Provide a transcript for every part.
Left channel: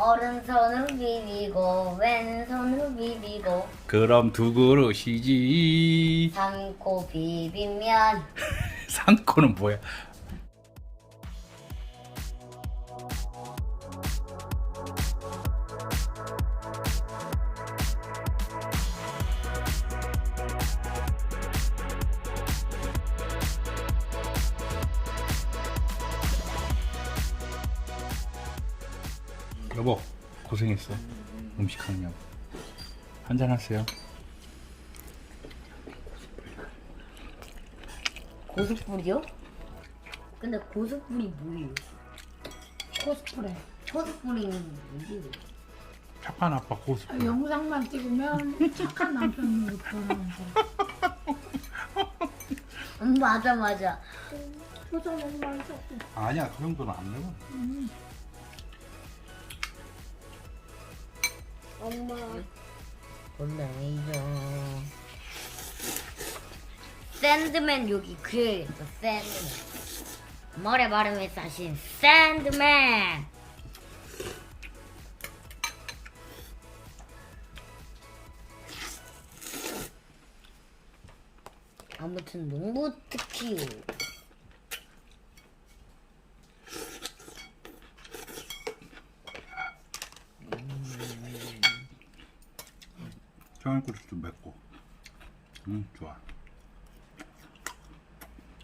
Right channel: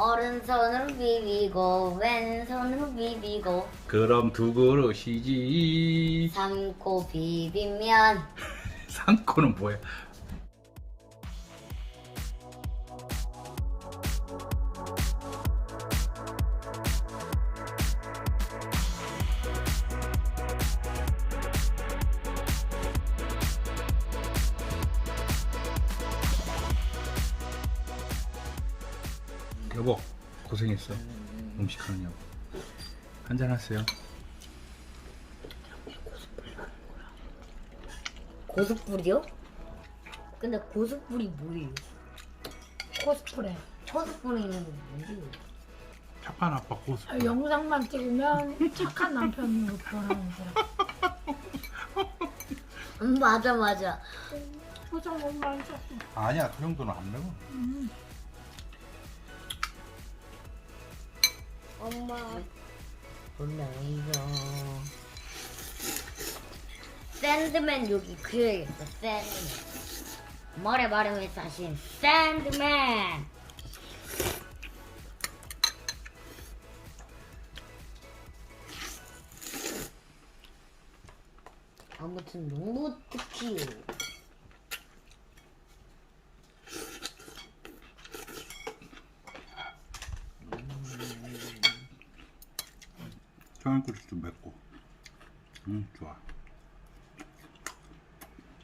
오른손으로 비비고 왼손으로 비비고 그럼 두 그릇이지. 삶고 비비면 상코는 뭐야? 여보 고생했어. 음식하느냐고. 한잔 하세요. 고수뿌리요? 근데 고수뿌리 뭐예요? 코스프레. 고수뿌리는 게 뭐예요? 착한 아빠 고수. 영상만 찍으면 착한 남편으로 변하는 거야. 맞아 맞아. 표정을 많이 썼어. 아니야 그 정도는 안 넣어. 엄마 분명히죠. 샌드맨 여기 그려야겠다. 샌드맨 머리에 바르면 사실 샌드맨. 아무튼 농구 특히 청양고추 좀 맵고. 좋아.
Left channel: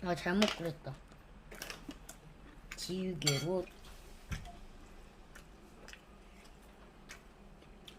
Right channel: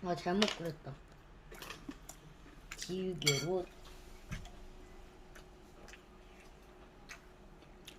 아 잘못 그렸다. 지우개로